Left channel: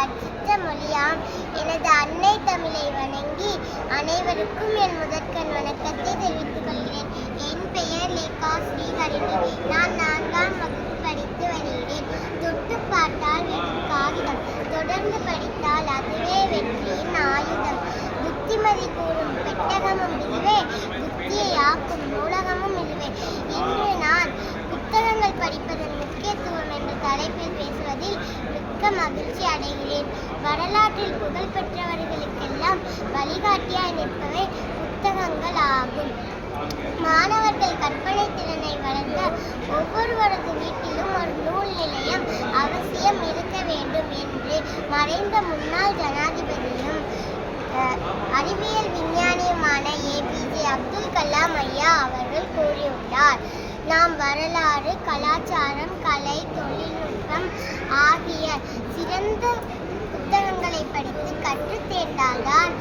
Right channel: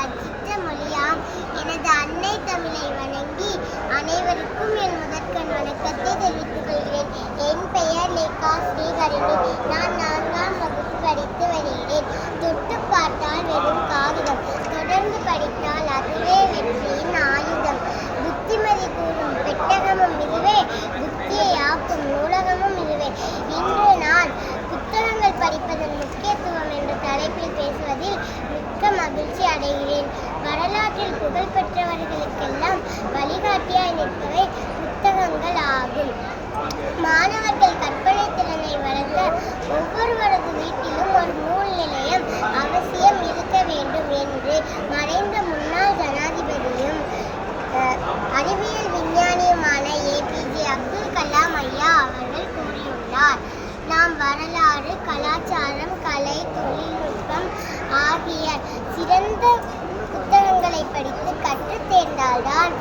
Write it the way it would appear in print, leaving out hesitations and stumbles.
கற்பித்த மொழியாம் எனது அன்னை தமிழை வணங்கி அனைவருக்கும் என் முதற்கண் வணக்கத்தை தெரிவித்துக் கொள்கிறேன். என் பெயர் லேகா ஸ்ரீஹரிணி. நான் 4ஆம் வகுப்பு படித்து வருகிறேன். தொட்டு பார்த்தால் வெறும் காகிதம், தொடர்ந்து படித்தால் அதுவே வெற்றியின் ஆயுதம். புத்திமதி கூறும் பெட்டகமும் இதுவே, புத்தியை ஆக்கும் நூலகமும் இதுவே. இன்று நான் புத்தகங்கள் படிப்பதன் முக்கியத்துவம் என்ற தலைப்பில் பேசுவதில் மிக்க மகிழ்ச்சி அடைகிறேன். வரலாற்றில் புகழ் பெற்றவர்களுக்கெல்லாம் வழிகாட்டியாய் நிற்பவை புத்தகங்கள் ஆகும். மாணவர்கள் கற்பனை திறனை வளர்க்க ஒவ்வொருவரது வீட்டிலும் ஒரு நூல் நிலையம் அவசியம் இருக்க வேண்டும் என்று மறைந்த முன்னாள் ஜனாதிபதியும் அறிவியல் விஞ்ஞானியுமான ஏபிஜே அப்துல் கலாம் ஐயா அவர்கள் கூறியுள்ளார். நாம் வரலாறு, கலாச்சாரம், கலை, தொழில்நுட்பம் ஆகிய சிறந்த புத்தகங்களை படித்து கற்றுத் தேர்ந்தால்தான்